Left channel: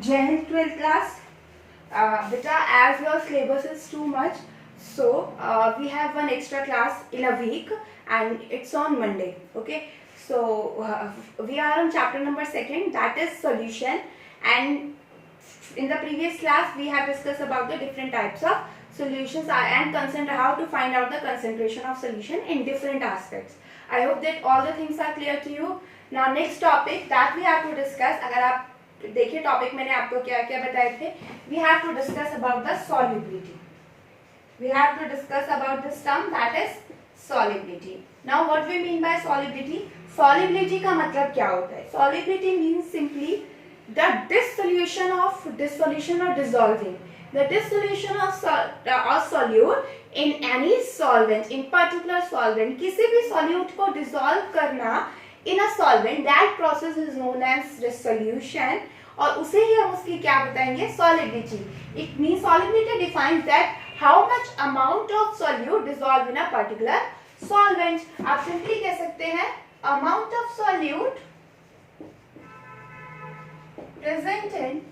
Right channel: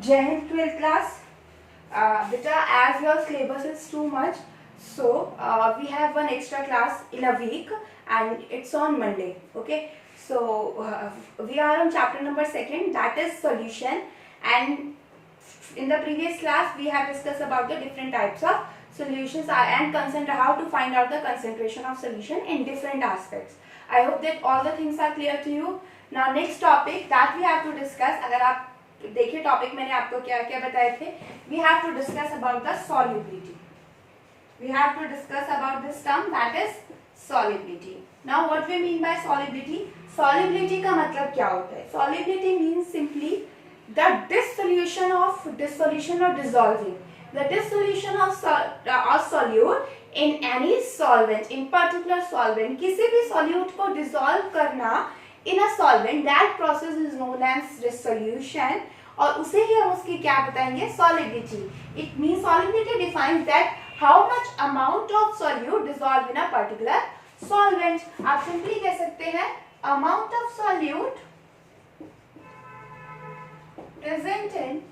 Jai Hind 12th class. Beta, as your syllabus is too much, so we have one extra class in a week and it's on Monday. Okay, so we are on chapter number 2, that is solution, and in the previous class we have discussed about the different types of solutions and how to find out the concentration of solution in different aspects. I hope that all the things are clear to you. Now next topic that we have to discuss, अगर आप देखिए topic मैंने आपको क्या क्या बताए थे, we have to discuss about the solubility. We have to discuss about this term that is solubility. Now what we mean by solubility. Solubility का मतलब क्या होता है? Solubility means simply the dissolution or dissolving, the dissolution of solute in any solvent, in particular solvent. किसी भी solute को dissolve करना in a solvent, that process is known as dissolution, और उसे ही हम उसकी क्या बताएंगे? solubility. It means solubility defines that how much amount of solute dissolve in a particular solvent. आप simply कह सकते हैं amount of solute present in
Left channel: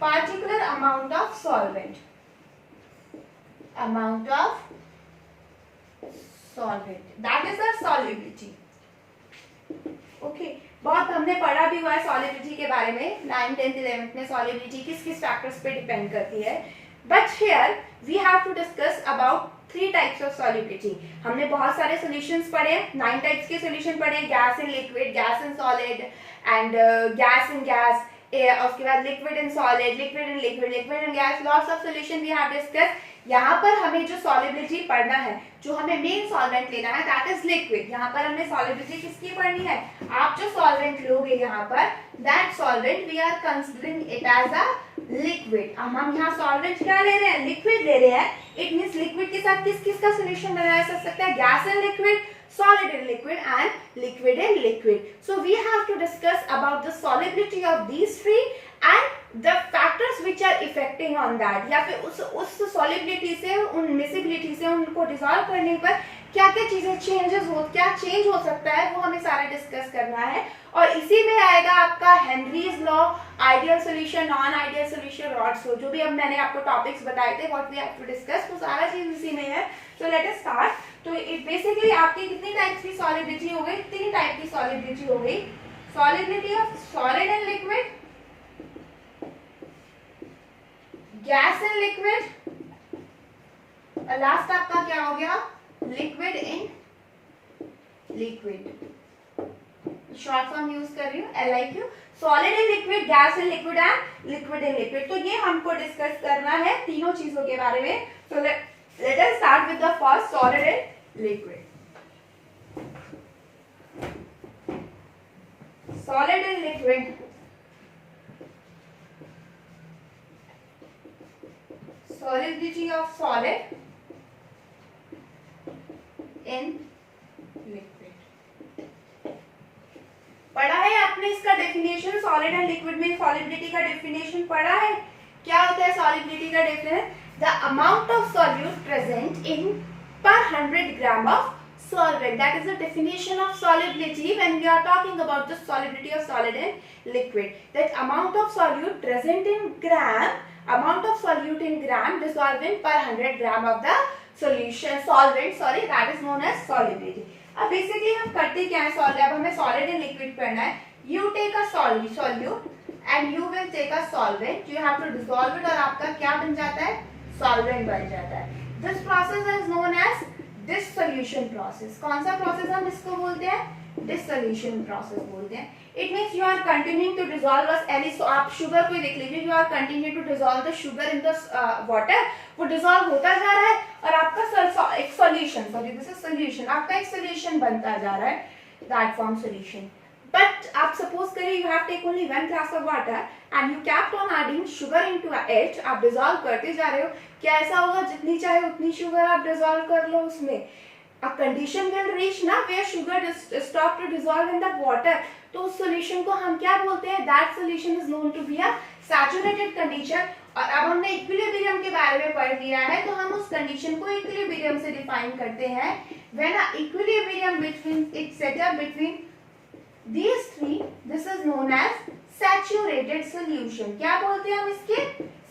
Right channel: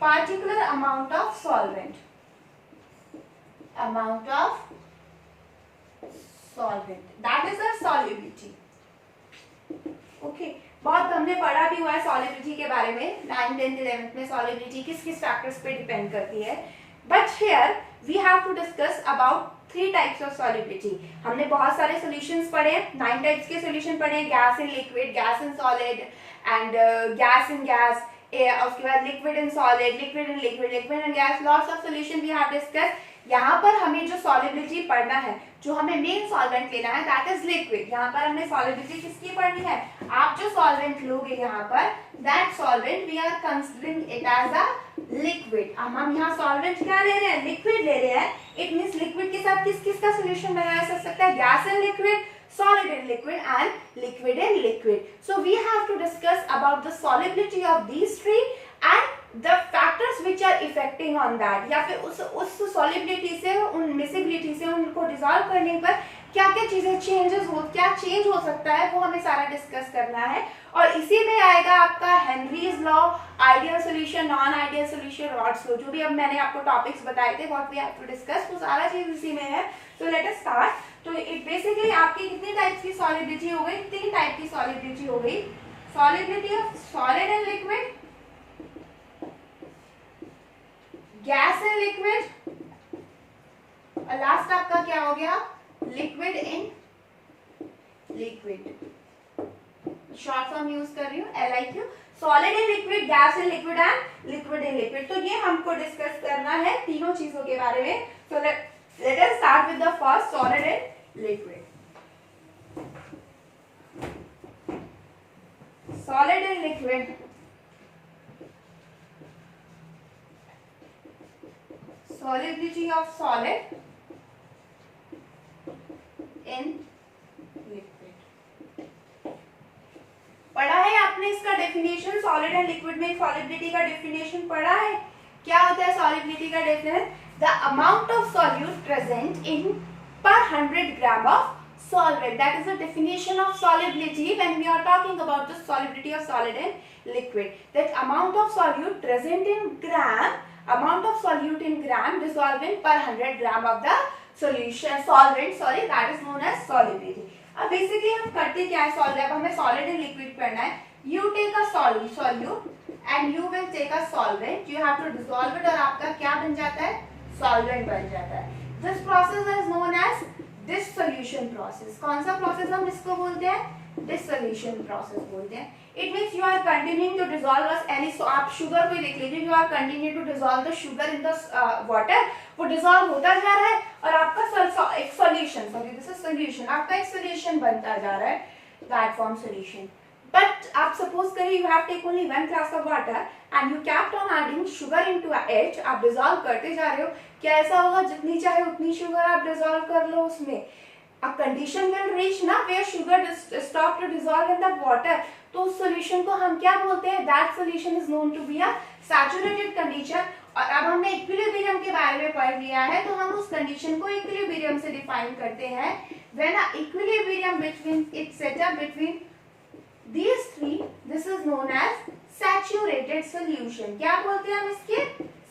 particular amount of solvent. Amount of solvent, that is the solubility. Okay, बहुत हमने पढ़ा भी हुआ है solubility के बारे में 9th 10th 11th में. solubility किस किस फैक्टर्स पे डिपेंड करती है, but here we have to discuss about 3 types of solubility. हमने बहुत सारे solutions पढ़े हैं, 9 types के solution पढ़े हैं, gas in liquid, gas in solid and gas in gas. उसके बाद liquid in solid, liquid in liquid, liquid in gas, lots of solution we have discuss. यहाँ पर हमें जो सॉलिबिलिटी पढ़ना है, जो हमें मेन सॉल्वेंट लेना है, दैट इज लिक्विड. यहाँ पर हमने सॉलिबिलिटी किसकी पढ़नी है? आप जो सॉल्वेंट लोगे यहाँ पर, that solvent we are considering it as a liquid. हम यहाँ सॉल्वेंट क्या ले रहे हैं? लिक्विड ले रहे हैं. इट मीन्स लिक्विड के साथ किस किस का सोल्यूशन बनाया जा सकता है? Gas in liquid, solid in liquid and liquid in liquid. So we have to discuss about the solubility of these three and the factors which are affecting on that. या फिर उस solubility से, उन miscibility से उनको dissolve करने पर क्या क्या चीजें क्या चेंज हो सकता है, वो हमें सारा डिस्कस करना है. और इसी में आएगा आपका Henry's law, ideal solution, non ideal solution, Raoult's law, जो भी अब मैंने आपको टॉपिक्स बताए थे, what we have to discuss, वो सारा चीज इसी में है. तो लेट अस स्टार्ट. तो इट बेसिकली आपकी कितनी टाइप्स की सॉलिबिलिटी हो गई? 3 टाइप की सॉलिबिलिटी हो गई. Solubility of solid and liquid, gas and liquid, और लास्ट आपका क्या हो गया? Liquid in liquid. Short form use कर रही हूँ, LIQ. Solid in liquid, gas in liquid and liquid in liquid. तो ये हमको डिस्कस करना है तीनों चीजों के बारे में. तो let us start with the first, solid and liquid. Solid and liquid. Solubility of solid in liquid. पढ़ा है आपने इसका डेफिनेशन? सॉलिड एंड लिक्विड में सॉलिबिलिटी का डेफिनेशन पढ़ा है. क्या होता है सॉलिबिलिटी का definition? The amount of solute present in per 100 gram of solvent. That is the definition of solubility when we are talking about the solubility of solid and liquid. That amount of solute present in gram, amount of solute in gram dissolved in per 100 gram of the solution solvent. Sorry, that is known as solubility. अब basically हम करते क्या है? अब हमें solid and liquid करना है. You take a solute and you will take a solvent. You have to dissolve it और आपका क्या बन जाता है? सॉल्वेंट बन जाता है. This process is known as dissolution process. कौन सा प्रोसेस हम इसको बोलते हैं? डिसोल्यूशन प्रोसेस बोलते हैं. It means you are continuing to dissolve any. आप शुगर को देख लीजिए, you are continue to dissolve the sugar in the water. वो डिसॉल्व होता जा रहा है और आपका एक solution, sorry this is solution, आपका एक सॉल्यूशन बनता जा रहा है, दैट फॉर्म सॉल्यूशन. But आप suppose करिए you have taken only 1 glass of water and you kept on adding sugar into it. आप dissolve करते जा रहे हो. क्या ऐसा होगा जितनी चाहे उतनी sugar आप dissolve कर लो उसमें? A condition will reach ना where sugar stop to dissolve in the water. तो उस solution को हम क्या बोलते हैं? That solution is known to be a saturated condition. और अब हमने इक्विलिब्रियम के बारे में पढ़ लिया है, तो हम उस कंडीशन को इक्विलिब्रियम से डिफाइन करते हैं. When a equilibrium between it's set up between these three, this is known as saturated solution. क्या बोलते हैं हम इसके?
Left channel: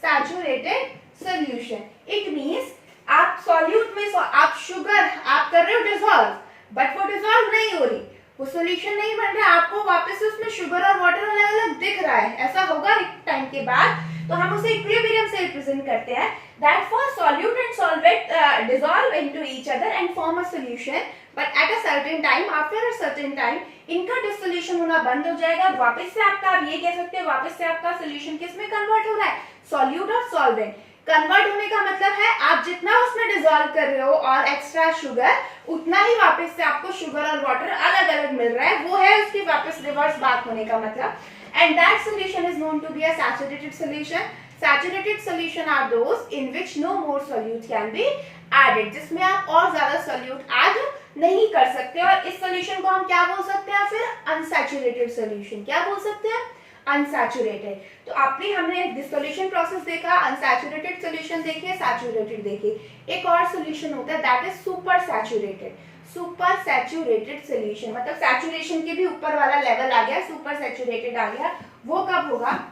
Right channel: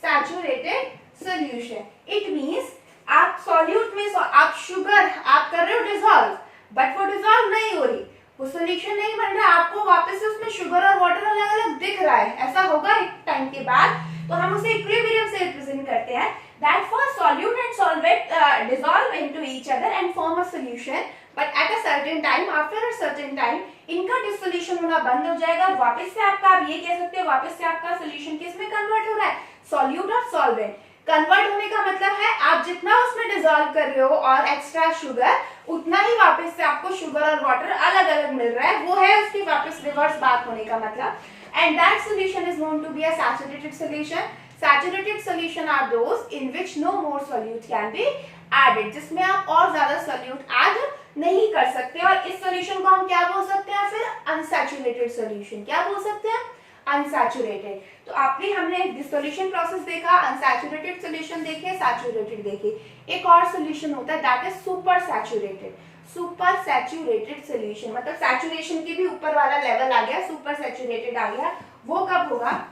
Saturated solution. इट मींस आप सॉल्यूट में आप शुगर आप कर रहे हो डिसॉल्व, बट वो डिसॉल्व नहीं हो रही, वो सोल्यूशन नहीं बन रहा, आपको वापस से उसमें शुगर और वाटर अलग अलग दिख रहा है। ऐसा होगा एक टाइम के बाद, तो हम उसे इक्विलिब्रियम से रिप्रेजेंट करते हैं। That for solute and solvent dissolve into each other and form a solution, but at a certain time, after a certain time इनका डिसोल्यूशन होना बंद हो जाएगा। वापस से आपका, आप ये कह सकते हो, वापस से आपका सोल्यूशन किस में कन्वर्ट हो रहा है? सॉल्यूट और सॉल्वेंट। कन्वर्ट होने का मतलब है आप जितना उसमें डिसॉल्व कर रहे हो और एक्स्ट्रा शुगर, उतना ही वापस से आपको शुगर और वाटर अलग अलग मिल रहा है, वो है उसके वापस रिवर्स बात होने का मतलब। And that solution is known to be a saturated solution. Saturated solution are those in which no more solute can be added, जिसमें आप और ज्यादा सोल्यूट ऐड नहीं कर सकते। और इस सोल्यूशन को हम क्या बोल सकते हैं फिर? Unsaturated solution. क्या बोल सकते हैं? अनसैचुरेटेड। तो आपने हमने डिसोल्यूशन प्रोसेस देखा, अनसैचुरेटेड सोल्यूशन देखे, सैचुरेटेड देखे। एक और सोल्यूशन होता है that is super saturated. Super saturated solution मतलब सैचुरेशन के भी ऊपर वाला लेवल आ गया, सुपर सैचुरेटेड आ गया। वो कब होगा?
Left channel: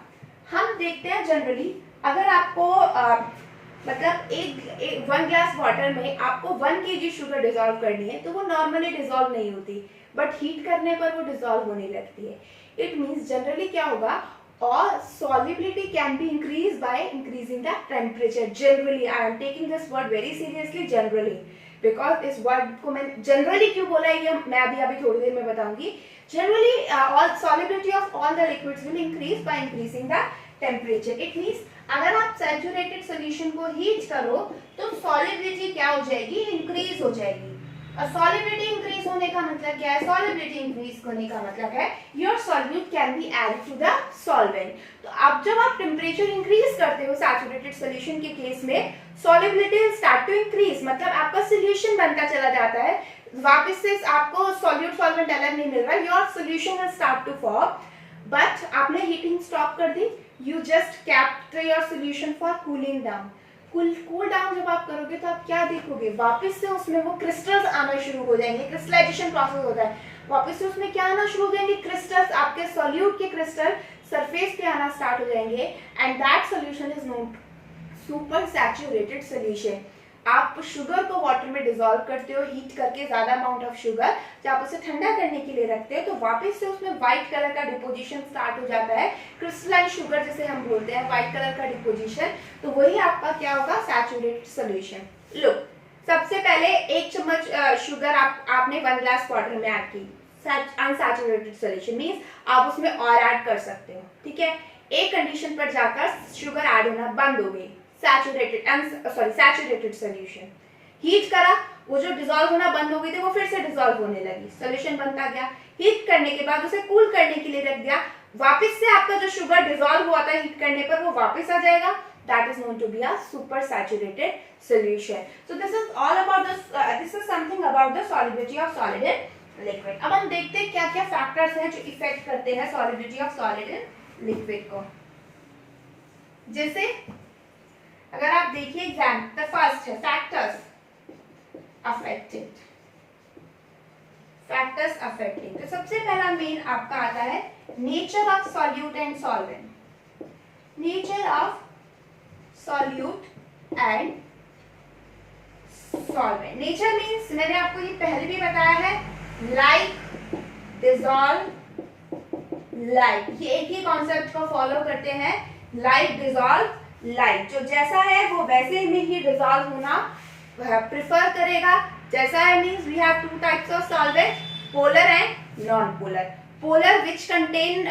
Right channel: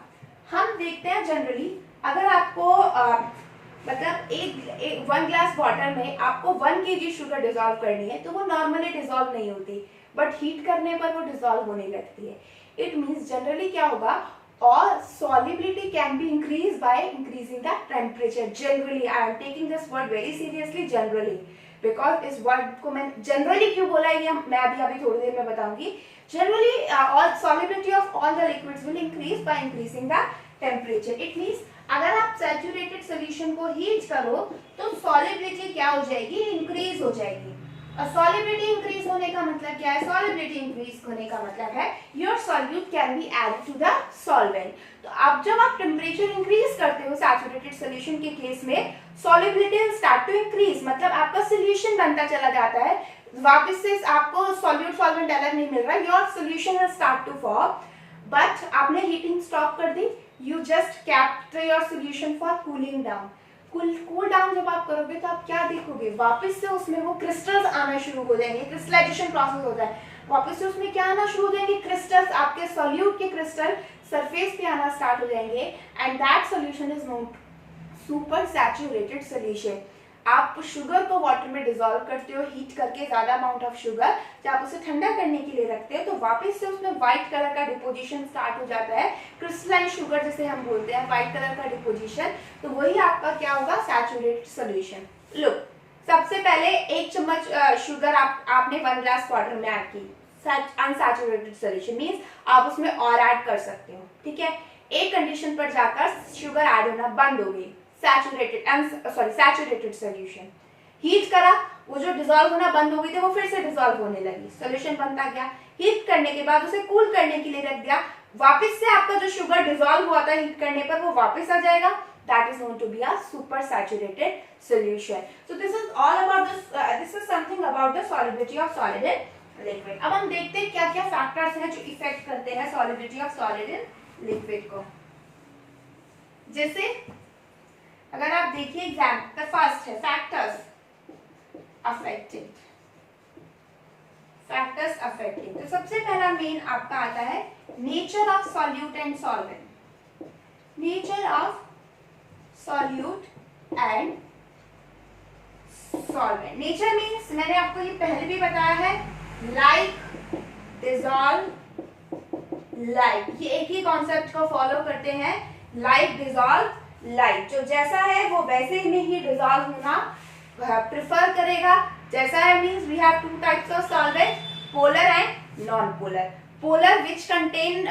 हम देखते हैं जनरली, अगर आपको मतलब एक 1 ग्लास वाटर में आपको 1 kg शुगर डिसॉल्व करनी है, तो वो नॉर्मली डिसॉल्व नहीं होती, बट हीट करने पर वो डिसॉल्व होने लगती है। इट मीन्स जनरली क्या होगा, और solubility can be increased by increasing the temperature. Generally, I am taking this word very seriously, generally, because इस word को मैं generally क्यों बोला है ये मैं अभी थोड़ी देर में बताऊंगी। Generally, all solubility of all the liquids will increase by increasing the temperature. It means अगर आप saturated solution को heat करो तो solubility क्या हो जाएगी? Increase हो जाएगी। सॉलिबिलिटी इंक्रीज होने का मतलब क्या है? सॉलिबिलिटी इंक्रीज होने का मतलब है your solute can be added to the solvent. तो अब जब आप टेम्परेचर इंक्रीज करते हो सैचुरेटेड सोल्यूशन के केस में, solubility will start to increase, मतलब आपका सोल्यूशन बनता चला जाता है, वापस से आपको सॉल्यूट सॉल्वेंट अलग नहीं मिल रहा, your solution will start to form. But आपने हीटिंग स्टॉप कर दी, you just kept your solution for cooling down. Cool down जब आप करोगे तो आप क्या देखोगे? वापस से उसमें वो क्रिस्टल्स आना शुरू हो जाएंगे, क्रिस्टलाइजेशन प्रोसेस होता है, वापस से उसमें क्या आना शुरू हो जाएंगे? क्रिस्टल्स, आपके सॉल्यूट के क्रिस्टल सरफेस पे आना स्टार्ट हो जाएंगे, and that solution is known super saturated solution. आप शुगर को वाटर में डिसॉल्व करते हो हीट करके, ज्यादा अमाउंट ऑफ शुगर, जब आप उसे ठंडा करने के लिए रखते हो तो वापस से उसमें व्हाइट कलर का डिपोजिशन स्टार्ट हो जाता है, क्रिस्टलाइन शुगर जिसे हम बोलते हैं, व्हाइट कलर का डिपोजिशन। तो वही आपका क्या होगा? Saturated solution. लुक, सबसे पहले 1 चम्मच शुगर आपने 1 ग्लास वाटर में ऐड की, अनसैचुरेटेड सोल्यूशन मींस आप उसमें और ऐड कर सकते हो, ठीक है। एक कंडीशन पर जाकर शुगर ऐड होना बंद हो गई, सैचुरेटेड सोल्यूशन। हीट करा, वो जो डिसॉल्व होना बंद हो गई थी वो फिर से डिसॉल्व होने लगी, सोल्यूशन बनता गया। हीट करने के बाद उसे कूल करने के लिए रख दिया, वापस से आपका जो शुगर डिसॉल्व हुआ था हीट करने पर वो वापस आ जाएगा, that is known to be a super saturated solution. So this is all about this is something about the solubility of solid in liquid. अब हम देखते हैं क्या क्या फैक्टर्स हैं जो इफेक्ट करते हैं solubility of solid in liquid को। जैसे अगर आप देखिए एग्जाम द फर्स्ट है फैक्टर्स अफेक्टिंग। तो सबसे पहला मेन आपका आता है nature of solute and solvent. Nature of solute and solvent. Nature means मैंने आपको ये पहले भी बताया है, लाइक, डिसॉल्व, लाइक, ये एक ही कॉन्सेप्ट को फॉलो करते हैं, लाइक, डिसॉल्व, लाइक। जो जैसा है वो वैसे में ही डिसॉल्व होना प्रिफर करेगा, जैसा है means we have 2 types of solvent, polar and non polar. Polar which contain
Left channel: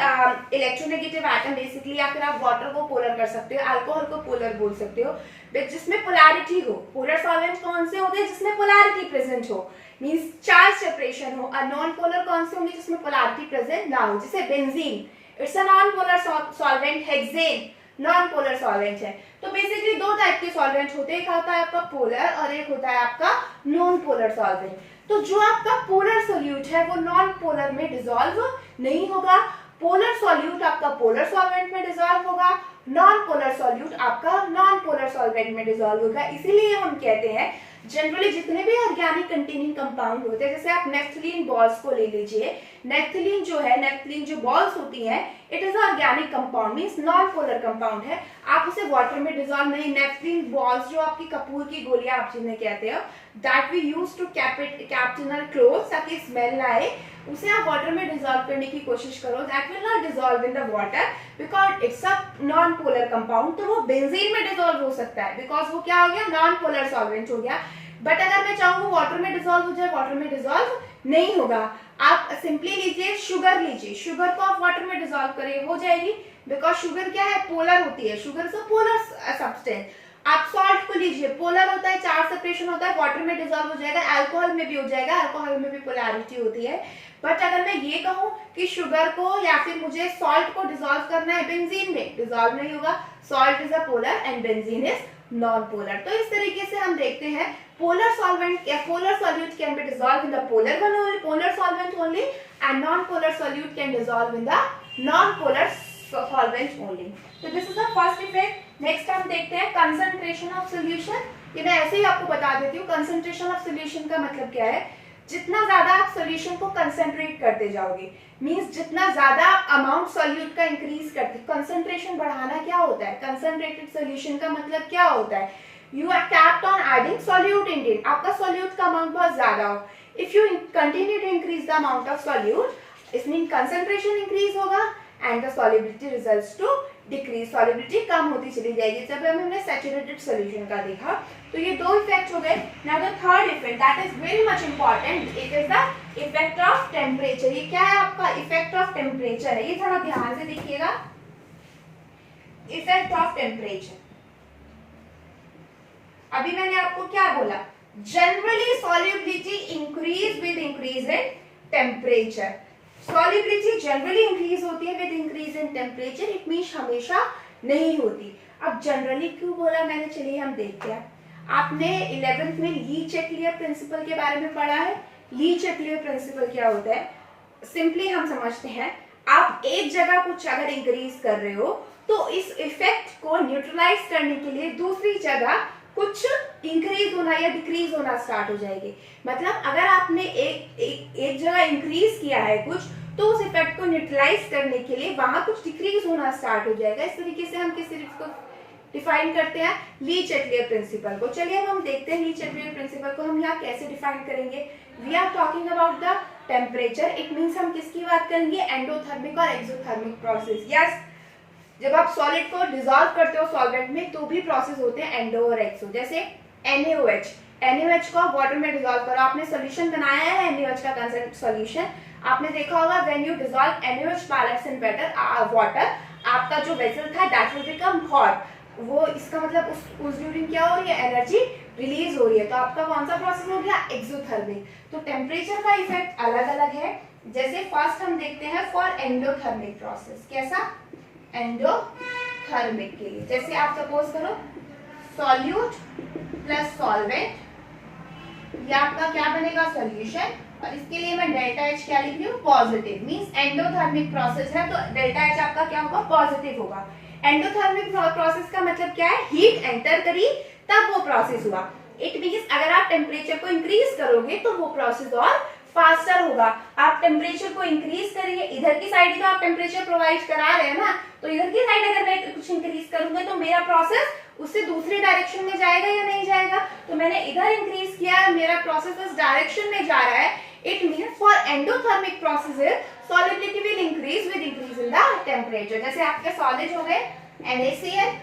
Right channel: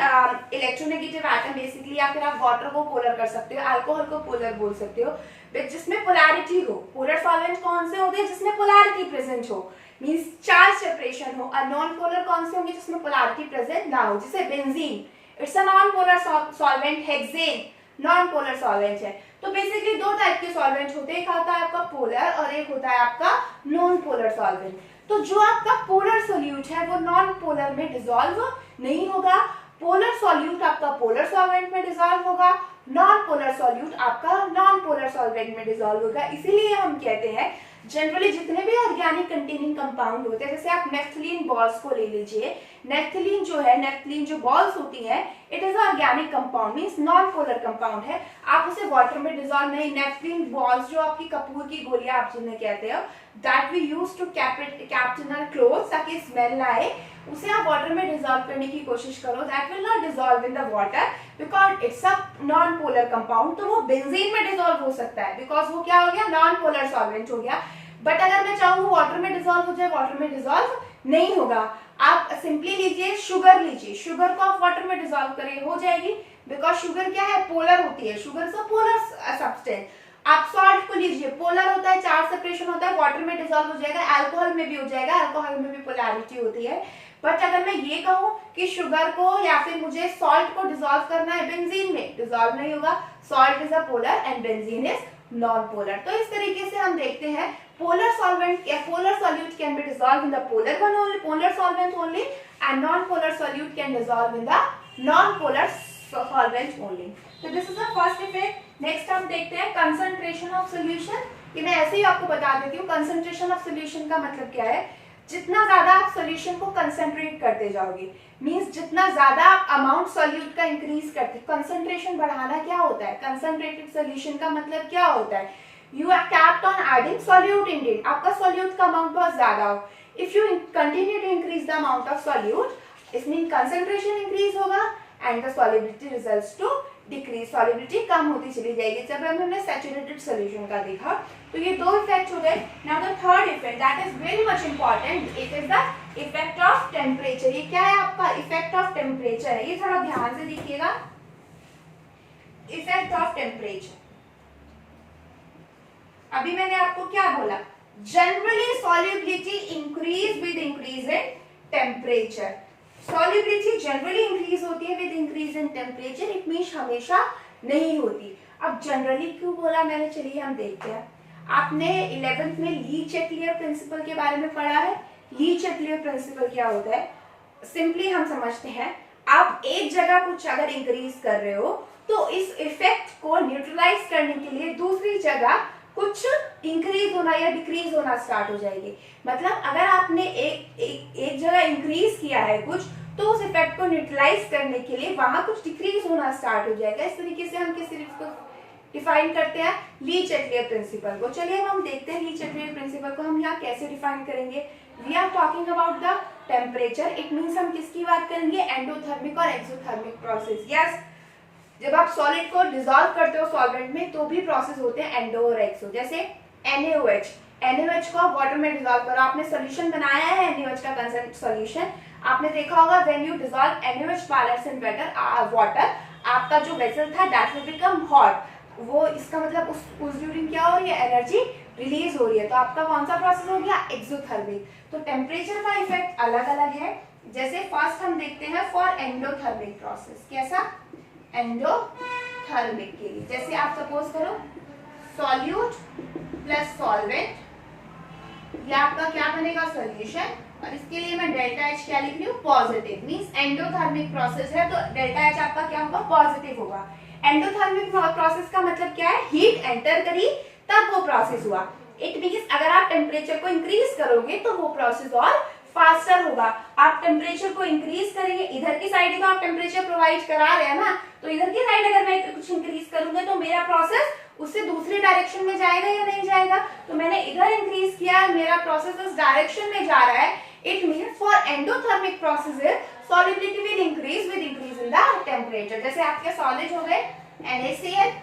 electronegative atom basically, या फिर आप वाटर को पोलर कर सकते हो, अल्कोहल को पोलर बोल सकते हो, जिसमें पोलैरिटी हो। पोलर सॉल्वेंट कौन से होते हैं? जिसमें पोलैरिटी प्रेजेंट हो, मींस चार्ज सेपरेशन हो। और नॉन पोलर कौन से होंगे? जिसमें पोलैरिटी प्रेजेंट ना हो, जैसे benzene, it's a non polar solvent, hexane non polar solvent है। तो बेसिकली 2 टाइप के सॉल्वेंट होते हैं, एक आता है आपका पोलर और एक होता है आपका नॉन पोलर सॉल्वेंट। तो जो आपका पोलर सोल्यूट है वो नॉन पोलर में डिसॉल्व नहीं होगा, पोलर सॉल्यूट आपका पोलर सॉल्वेंट में डिसॉल्व होगा, नॉन पोलर सॉल्यूट आपका नॉन पोलर सॉल्वेंट में डिसॉल्व होगा। इसीलिए हम कहते हैं जनरली जितने भी ऑर्गेनिक कंटेनिंग कंपाउंड होते हैं, जैसे आप नेफ्थलीन बॉल्स को ले लीजिए, नेफ्थलीन जो है, नेफ्थलीन जो बॉल्स होती हैं, it is organic compound, means non polar compound है। आप उसे वाटर में डिजोल्व नहीं, नेफ्थलीन बॉल्स जो आपकी कपूर की गोलियां आप जिन्हें कहते हो, that we use to kept in our clothes ताकि स्मेल ना आए, उसे आप वाटर में डिजोल्व करने की कोशिश करो, that will not dissolve in the water because it's a non polar compound. तो वो बेंजीन में डिजोल्व हो सकता है बिकॉज वो क्या हो गया, नॉन पोलर सॉल्वेंट हो गया। बट अगर मैं चाहूँ वाटर में डिजोल्व हो जाए, वाटर में डिजोल्व नहीं होगा। आप सिंपली लीजिए शुगर, लीजिए शुगर को आप वाटर में डिजोल्व करिए, हो जाएगी, बिकॉज शुगर क्या है, पोलर होती है, sugar is a polar substance. आप सॉल्ट को लीजिए, पोलर होता है, चार्ज सेपरेशन होता है, वाटर में डिजोल्व हो जाएगा, अल्कोहल में भी हो जाएगा, अल्कोहल में भी पोलैरिटी होती है। बट अगर मैं ये कहूँ कि शुगर को या फिर मुझे सॉल्ट को डिजोल्व करना है बेंजीन में, डिजोल्व नहीं होगा, salt is a polar and benzene is non polar. तो इस तरीके से हम देखते हैं polar solvent या polar solute can be dissolved in the polar one only, polar solvent only, and non-polar solute can dissolve in the non-polar solvent only. So this is the first effect. Next हम देखते हैं concentration of solution। कि मैं ऐसे ही आपको बता देती हूँ concentration of solution का मतलब क्या है। जितना ज्यादा आप सोल्यूशन को कंसेंट्रेट करते जाओगे, मींस जितना ज्यादा अमाउंट सॉल्यूट का इंक्रीज करते, कंसेंट्रेशन बढ़ाना क्या होता है, कंसेंट्रेटेड सोल्यूशन का मतलब क्या होता है, you are tapped on adding solute in it, आपका solute का अमाउंट बहुत ज्यादा हो, if you continue to increase the amount of solute, it means concentration increase होगा and the solubility results to decrease, solubility कम होती चली जाएगी। जब हमने saturated solution का देखा तो ये दो इफेक्ट हो गए। Now the third effect that is very much important, it is the effect of temperature। ये क्या है आपका effect of temperature है, ये थोड़ा ध्यान से देखिएगा, effect of temperature। अभी मैंने आपको क्या बोला, generally solubility increase with increase in temperature, solubility generally increase होती है with increase in temperature, it means हमेशा नहीं होती। अब जनरली क्यों बोला मैंने, चलिए हम देखते हैं। आपने 11th में ली चेटलियर प्रिंसिपल के बारे में पढ़ा है। ली चेटलियर प्रिंसिपल क्या होता है, सिंपली हम समझते हैं, आप एक जगह कुछ अगर इंक्रीज कर रहे हो तो इस इफेक्ट को न्यूट्रलाइज करने के लिए दूसरी जगह कुछ इंक्रीज होना या डिक्रीज होना स्टार्ट हो जाएगी। मतलब अगर आपने एक जगह इंक्रीज किया है कुछ, तो उस इफेक्ट को न्यूट्रलाइज करने के लिए वहां कुछ डिक्रीज होना स्टार्ट हो जाएगा। इस तरीके से हम किस तरीके को डिफाइन करते हैं, ली चेटलियर प्रिंसिपल को। चलिए हम देखते हैं ली चेटलियर प्रिंसिपल को हम यहाँ कैसे डिफाइन करेंगे। We are talking about the temperature, it means हम किसकी बात करेंगे, एंडोथर्मिक और एक्सोथर्मिक प्रोसेस। यस, जब आप सॉलिड को डिसॉल्व करते हो सॉल्वेंट में तो भी प्रोसेस होते हैं एंडो और एक्सो। जैसे NaOH, NaOH को वाटर में डिसॉल्व करो, आपने सॉल्यूशन बनाया है NaOH का कंसर्न सॉल्यूशन, आपने देखा होगा when you dissolve NaOH pellets in water, आपका जो वेसल था दैट विल बिकम हॉट। वो इसका मतलब उस ड्यूरिंग क्या हो रही है, एनर्जी रिलीज हो रही है, तो आपका कौन सा प्रोसेस हो गया, एक्सोथर्मिक। तो टेम्परेचर का इफेक्ट अलग अलग है। जैसे फर्स्ट हम देखते हैं फॉर एंडोथर्मिक प्रोसेस, कैसा, एंडोथर्मिक के लिए, जैसे आप सपोज करो सॉल्यूट प्लस सॉल्वेंट, ये आपका क्या बनेगा, सॉल्यूशन, और इसके लिए मैं डेल्टा H क्या लिख रही हूँ, पॉजिटिव, मींस एंडोथर्मिक प्रोसेस है तो डेल्टा H आपका क्या होगा, पॉजिटिव होगा। एंडोथर्मिक प्रोसेस का मतलब क्या है, हीट एंटर करी तब वो प्रोसेस हुआ। इट मींस अगर आप टेम्परेचर को इंक्रीज करोगे तो वो प्रोसेस और फास्टर होगा। आप टेम्परेचर को इंक्रीज करेंगे, इधर की साइड तो आप टेम्परेचर प्रोवाइड करा रहे हैं ना, तो इधर की साइड अगर मैं कुछ इंक्रीज करूंगा तो मेरा प्रोसेस उससे दूसरे डायरेक्शन में जाएगा या नहीं जाएगा। तो मैंने इधर इंक्रीज किया, मेरा प्रोसेस इस डायरेक्शन में जा रहा है। It means for endothermic processes solubility will increase with increase in the temperature। जैसे आपके सॉलिड हो गए NaCl,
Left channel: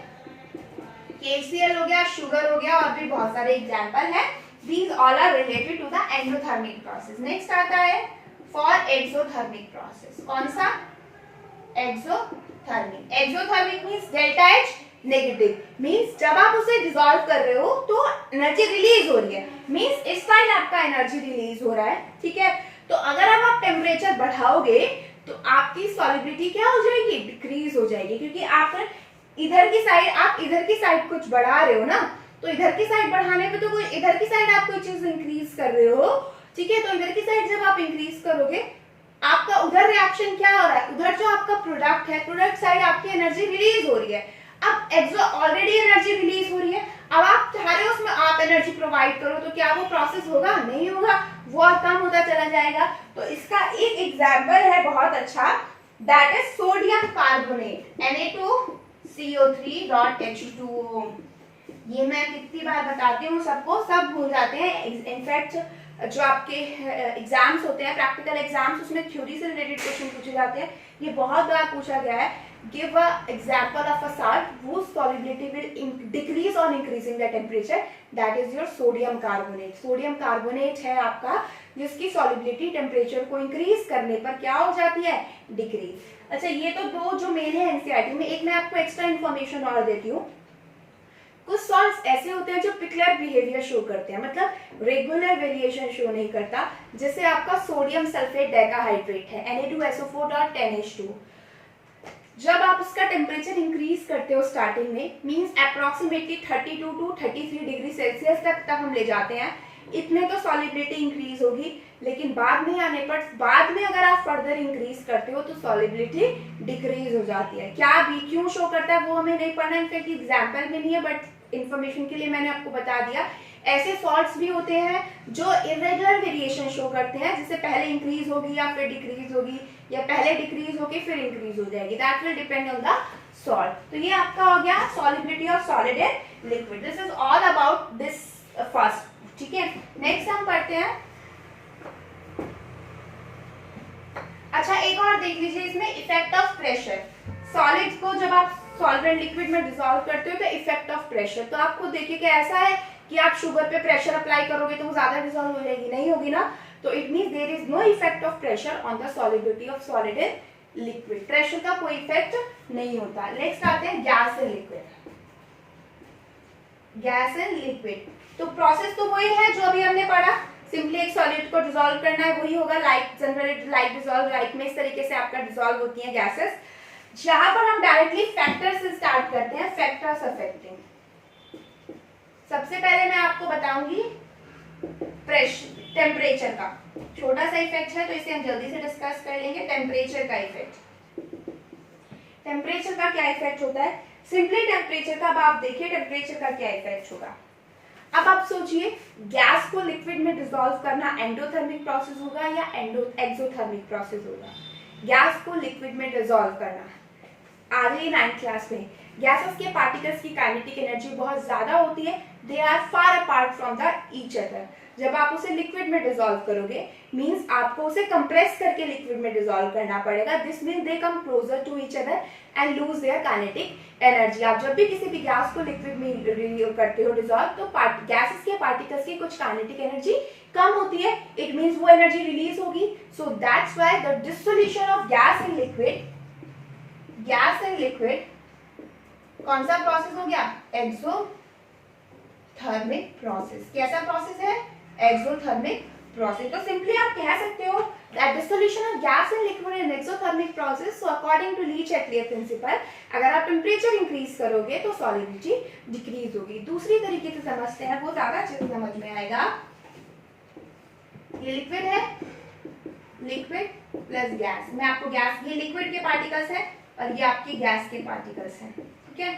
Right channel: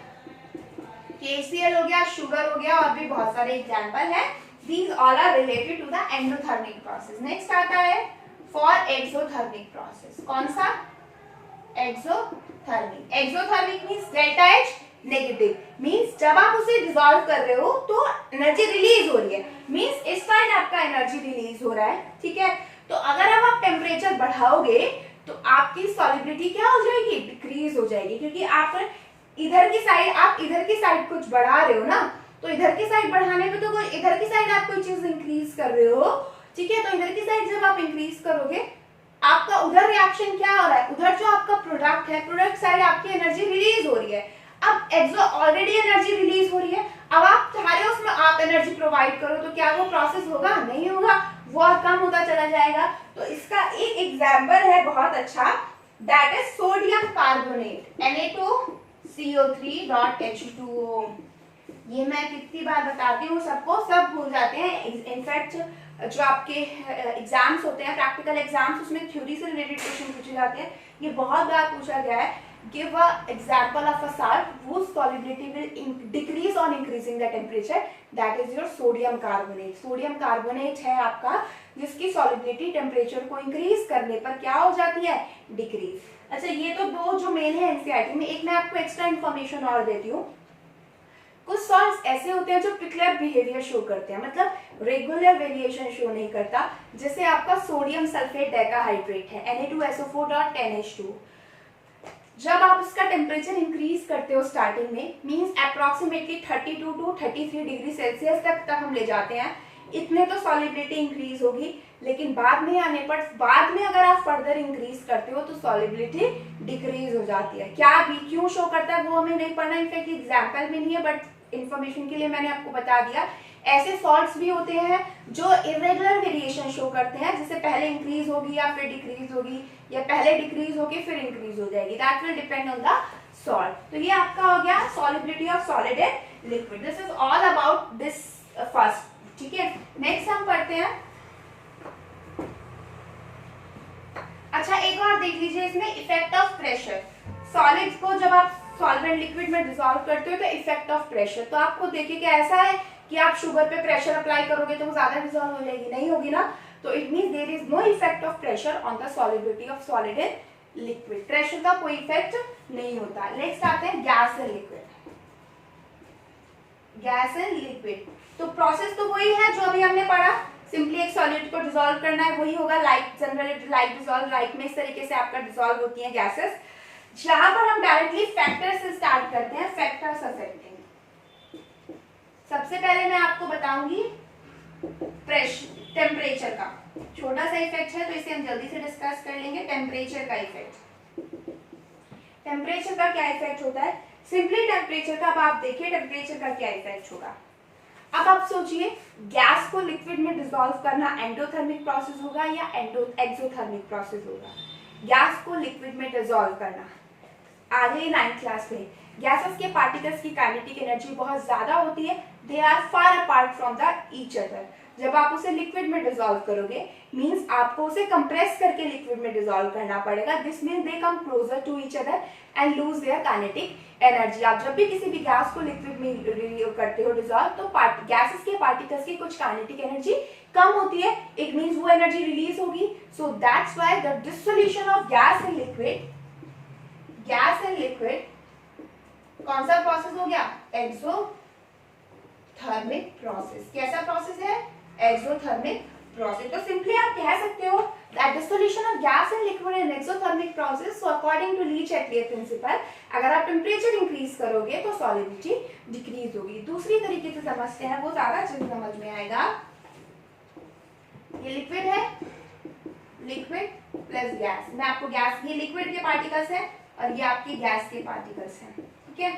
KCl हो गया, शुगर हो गया, और भी बहुत सारे एग्जांपल है। These all are related to the endothermic process। Next आता है for exothermic process। कौन सा, exothermic। exothermic means delta H negative, means जब आप उसे डिसॉल्व कर रहे हो तो एनर्जी रिलीज हो रही है, मींस इस साइड आपका एनर्जी रिलीज हो रहा है, ठीक है। तो अगर आप टेम्परेचर बढ़ाओगे तो आपकी सॉल्युबिलिटी क्या हो जाएगी, डिक्रीज हो जाएगी, क्योंकि आप इधर की साइड कुछ बढ़ा रहे हो ना, तो इधर की साइड बढ़ाने पे तो कोई इधर की साइड आप कोई चीज इंक्रीज कर रहे हो, ठीक है। तो इधर की साइड जब आप इंक्रीज करोगे, आपका उधर रिएक्शन क्या हो रहा है, उधर जो आपका प्रोडक्ट है, प्रोडक्ट साइड आपकी एनर्जी रिलीज हो रही है। अब एक्सो ऑलरेडी एनर्जी रिलीज हो रही है, अब आप चाह रहे हो उसमें आप एनर्जी प्रोवाइड करो, तो क्या वो प्रोसेस होगा, नहीं होगा, वो और कम होता चला जाएगा। तो इसका एक एग्जाम्पल है बहुत अच्छा, that is sodium carbonate Na2CO3.H2O। ये मैं कितनी बार बताती हूँ सबको, सब भूल जाते हैं। इनफैक्ट जो आपके एग्जाम्स होते हैं, प्रैक्टिकल एग्जाम्स, उसमें थ्योरी से रिलेटेड क्वेश्चन पूछे जाते हैं। ये बहुत बार पूछा गया है। Give a example of a salt whose solubility will decrease on increasing the temperature, that is your sodium carbonate। Sodium carbonate है आपका, जिसकी सॉलिबिलिटी टेम्परेचर को इंक्रीज करने पर क्या हो जाती है, डिक्रीज। अच्छा, ये तो दो जो मेन है एनसीईआरटी में। एक मैं आपको एक्स्ट्रा इन्फॉर्मेशन और देती हूँ। कुछ सॉल्ट्स ऐसे होते हैं जो पिक्युलर बिहेवियर शो करते हैं, मतलब रेगुलर वेरिएशन शो नहीं करता। जैसे आपका सोडियम सल्फेट डेकाहाइड्रेट है Na2SO4.10H2। जब आप इसका टेम्परेचर इंक्रीज करते हो स्टार्टिंग में, means approximately 32 to 33 degree Celsius तक हम ले जाते हैं, इतने तो सॉलिबिलिटी इंक्रीज होगी। लेकिन बाद में आने पर, बाद में अगर आप फर्दर इंक्रीज करते हो तो सॉलिबिलिटी डिक्रीज हो जाती है। क्या भी क्यों शो करता है वो हमें नहीं पढ़ना, इनफैक्ट एग्जाम्पल में नहीं है, बट इन्फॉर्मेशन के लिए मैंने आपको बता दिया। ऐसे सॉल्ट्स भी होते हैं जो इरेगुलर वेरिएशन शो करते हैं, जैसे पहले इंक्रीज होगी या फिर डिक्रीज होगी, या पहले डिक्रीज होगी फिर इंक्रीज हो जाएगी। That will depend on the salt. तो ये आपका हो गया solubility of solid and liquid. This is all about this first. ठीक है, नेक्स्ट हम पढ़ते हैं। अच्छा, एक और देख लीजिए इसमें, इफेक्ट ऑफ प्रेशर। सॉलिड्स को जब आप सॉल्वेंट लिक्विड में डिसॉल्व करते हो तो इफेक्ट ऑफ प्रेशर, तो आपको देखिए कि ऐसा है कि आप शुगर पे प्रेशर अप्लाई करोगे तो वो ज्यादा डिसॉल्व हो जाएगी, नहीं होगी ना। तो it means there is no effect of pressure on the solubility of solid and liquid. Pressure का कोई इफेक्ट नहीं होता। नेक्स्ट आते हैं gas and liquid. Gas and liquid, तो प्रोसेस तो वही है जो अभी हमने पढ़ा। सिंपली एक सॉलिड को डिसॉल्व करना है, वही होगा। Like generally like dissolve like में इस तरीके से आपका डिसॉल्व होती है गैसेस। जहां पर हम डायरेक्टली फैक्टर से स्टार्ट करते हैं, फैक्टर्स अफेक्टिंग। सबसे पहले मैं आपको बताऊंगी टेम्परेचर का। छोटा सा इफेक्ट है तो इसे हम जल्दी से डिस्कस कर लेंगे। टेम्परेचर का इफेक्ट, टेम्परेचर का क्या इफेक्ट होता है। सिंपली टेम्परेचर का, अब आप देखिए टेम्परेचर का क्या इफेक्ट होगा। अब आप सोचिए, गैस को लिक्विड में डिसॉल्व करना एंडोथर्मिक प्रोसेस होगा या एक्सोथर्मिक प्रोसेस होगा। गैस को लिक्विड में डिसॉल्व करना, आगे 9th क्लास में गैसेस के पार्टिकल्स की काइनेटिक एनर्जी बहुत ज्यादा होती है। They are far apart from the each other. जब आप उसे लिक्विड में डिसॉल्व करोगे, मींस आपको उसे कंप्रेस करके लिक्विड में डिसॉल्व करना पड़ेगा। This means they come closer to each other and lose their kinetic energy. आप जब भी किसी भी गैस को लिक्विड में करते हो डिसॉल्व, तो गैसेस के पार्टिकल्स की कुछ काइनेटिक एनर्जी कम होती है। इट मींस वो एनर्जी रिलीज होगी। So that's why the dissolution of gas in liquid, gas and liquid कौन सा प्रोसेस हो गया, एक्सोथर्मिक प्रोसेस। कैसा प्रोसेस है, एक्सोथर्मिक प्रोसेस। तो सिंपली आप कह सकते हो that dissolution of gas in liquid in exothermic process. So according to Le Chatelier principle, अगर आप टेम्परेचर इंक्रीज करोगे तो सॉलिबिलिटी डिक्रीज होगी। दूसरी तरीके से समझते हैं, वो ज्यादा अच्छे से समझ में आएगा। ये लिक्विड है, लिक्विड प्लस गैस। मैं आपको गैस, ये लिक्विड के पार्टिकल्स हैं और ये आपके गैस के पार्टिकल्स हैं। ठीक है,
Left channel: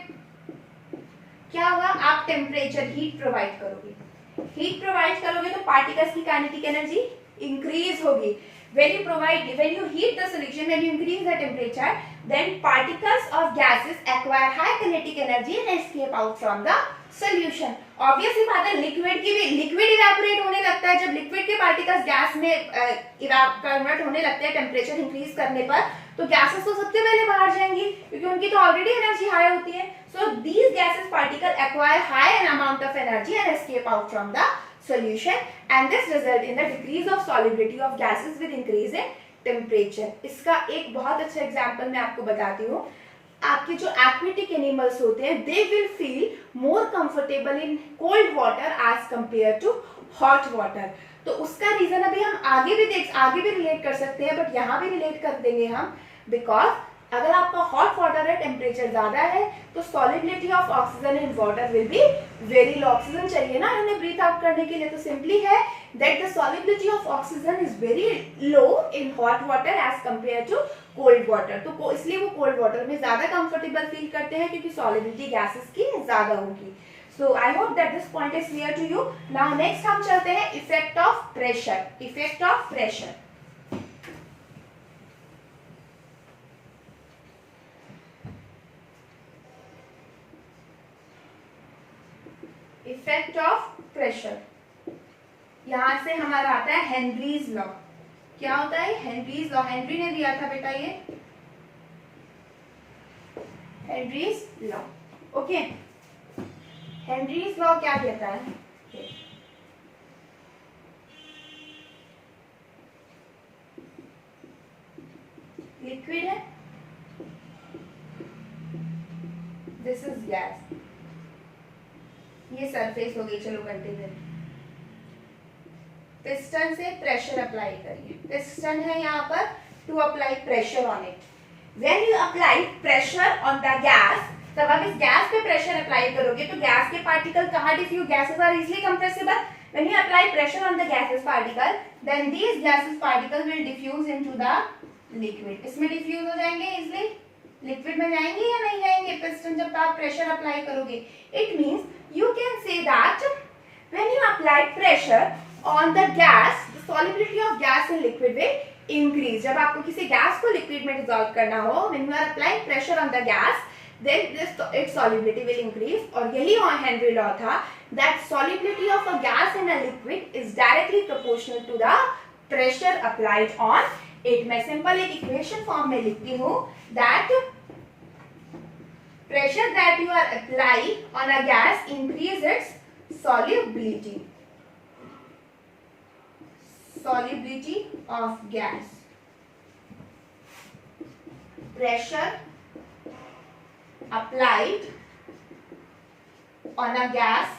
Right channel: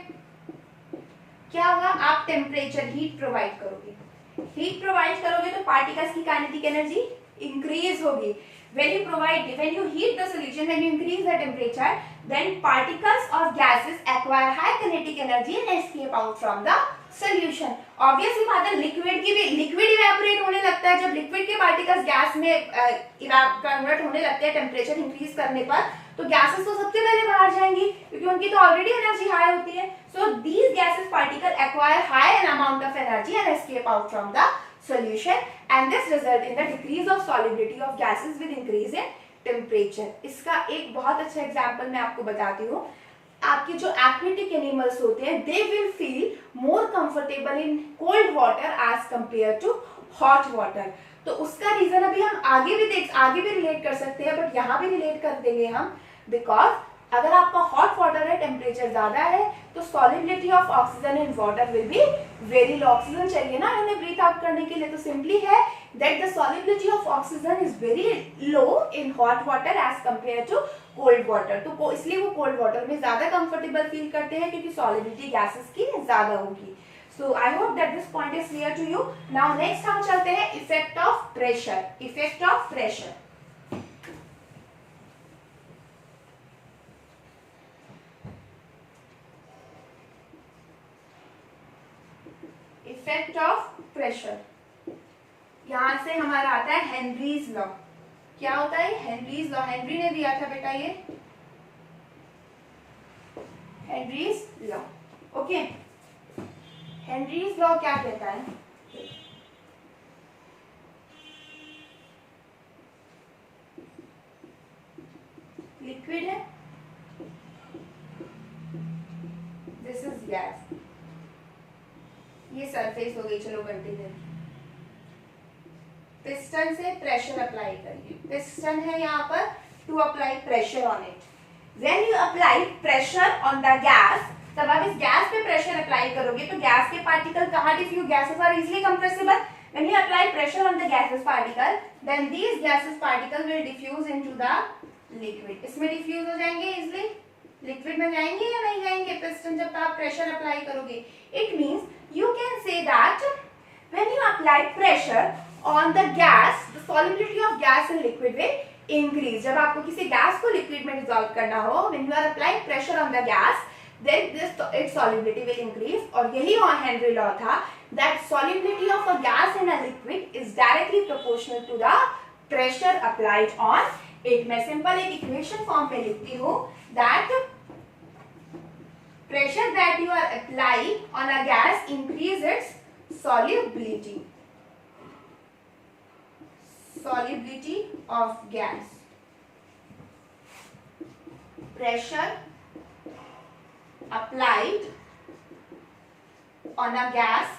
क्या होगा, आप टेम्परेचर हीट प्रोवाइड करोगे। हीट प्रोवाइड करोगे तो पार्टिकल्स की काइनेटिक एनर्जी इंक्रीज होगी। when you heat the solution, when you increase the temperature, then particles of gases acquire high kinetic energy and escape out from the solution. Obviously बात है, liquid की भी, liquid evaporate होने लगता है जब liquid के पार्टिकल्स गैस में कन्वर्ट होने लगते हैं टेम्परेचर इंक्रीज करने पर। तो गैसेस तो सबसे पहले बाहर जाएंगी क्योंकि उनकी तो ऑलरेडी एनर्जी हाई होती है। So these gases particle acquire high an amount of energy and escape out from the solution, and this result in the decrease of solubility of gases with increase in temperature. इसका एक बहुत अच्छा example मैं आपको बताती हूँ। आपके जो एक्वेटिक एनिमल्स होते हैं, they will feel more comfortable in cold water as compared to hot water. तो उसका रीजन अभी हम आगे भी रिलेट कर सकते हैं, बट यहाँ भी रिलेट कर देंगे हम। बिकॉज अगर आपका हॉट वाटर है, टेम्परेचर ज्यादा है, तो solubility of oxygen in water will be very low. Oxygen चाहिए ना हमें ब्रीथ आउट करने के लिए, तो सिंपली है that the solubility of oxygen is very low in hot water as compare to cold water. तो इसलिए वो कोल्ड वाटर में ज्यादा कंफर्टेबल फील करते हैं क्योंकि सॉलिबिलिटी गैसेस की ज्यादा होगी। So I hope that this point is clear to you. Now next हम चलते हैं effect of pressure. Effect of pressure, pressure, यहां से हमारा आता है हेनरीज लॉ। क्या होता है हेनरीज लॉ? हेनरी ने दिया था बेटा ये Henry's law. Okay, Henry's law क्या कहता है? लिक्विड है, दिस इज गैस, ये सरफेस हो गई। चलो कंटिन्यू। पिस्टन से प्रेशर अप्लाई करिए। पिस्टन है यहाँ पर to apply pressure on it. When you apply pressure on the gas, तब आप इस गैस पे प्रेशर अप्लाई करोगे तो गैस के पार्टिकल कहाँ diffuse? Gases are easily compressible. When you apply pressure on the gases particle, then these gases particle will diffuse into the liquid. इसमें diffuse हो जाएंगे इजीली, लिक्विड में जाएंगे या नहीं जाएंगे पिस्टन जब आप प्रेशर अप्लाई करोगे? It means you can say that when you apply pressure on the gas, the solubility of gas in liquid will increase. जब आपको किसी गैस को लिक्विड में डिसॉल्व करना हो, when you are applying pressure on the gas, then this its solubility will increase। और यही Henry law था that solubility of a gas in a liquid is directly proportional to the pressure applied on it। मैं simple एक equation form में लिखती हूँ that pressure that you are applying on a gas increase its solubility, solubility of gas। pressure applied on a gas,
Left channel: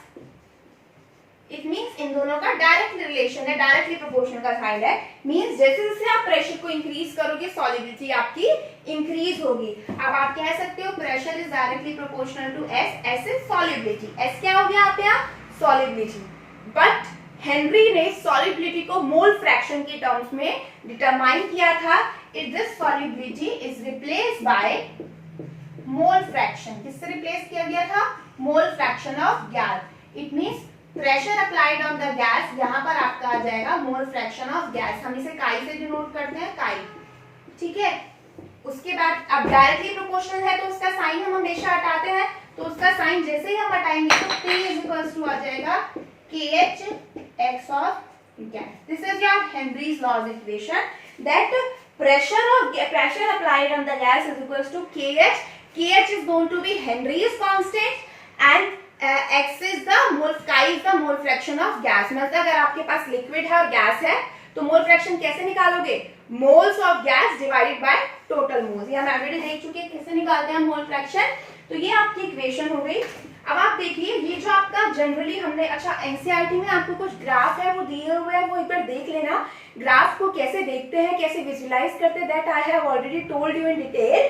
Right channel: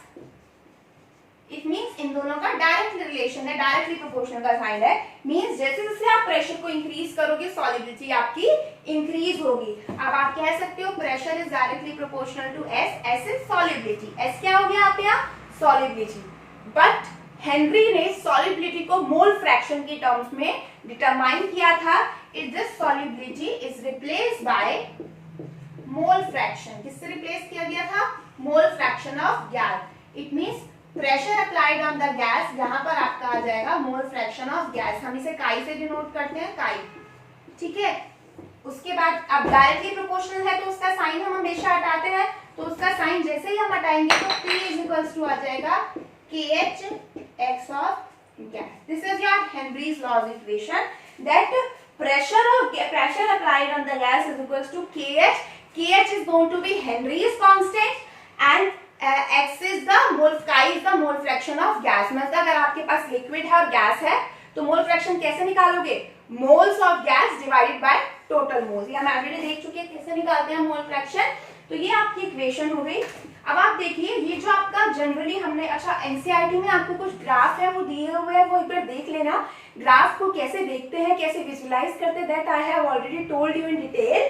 it means इन दोनों का direct relation है, directly proportional का sign है। मींस जैसे जैसे आप प्रेशर को इंक्रीज करोगे सॉल्युबिलिटी आपकी इंक्रीज होगी। अब आप कह सकते हो pressure is directly proportional to S. S is solubility, S क्या हो गया आप यहाँ? सॉल्युबिलिटी। बट हेनरी ने सॉल्युबिलिटी को मोल फ्रैक्शन के टर्म्स में डिटरमाइन किया था। It this solubility is replaced by mole fraction. किससे रिप्लेस किया गया था? Mole fraction of gas. It means pressure applied on the gas, यहां पर आपका आ जाएगा मोल फ्रैक्शन ऑफ गैस। हम इसे काई से डिनोट करते हैं, काई। ठीक है, उसके बाद अब डायरेक्टली प्रोपोर्शनल है तो उसका साइन हम हमेशा हटाते हैं, तो उसका साइन जैसे ही हम हटाएंगे तो P इज इक्वल्स टू आ जाएगा KH x of gas. This is your Henry's law's equation that pressure applied on the gas is equals to KH। KH is going to be Henry's constant and X is the mole, chi is the mole fraction of gas। मतलब अगर आपके पास liquid है और gas है तो mole fraction कैसे निकालोगे? Moles of gas divided by total moles. ये हम ऑलरेडी देख चुके हैं कैसे निकालते हैं मोल फ्रैक्शन। तो ये आपकी इक्वेशन हो गई। अब आप देखिए ये जो आपका जनरली हमने, अच्छा एनसीईआरटी में आपको कुछ ग्राफ है वो दिए हुए हैं, वो एक बार देख लेना। ग्राफ को कैसे देखते हैं, कैसे विजुलाइज करते हैं, that I have already told you in detail.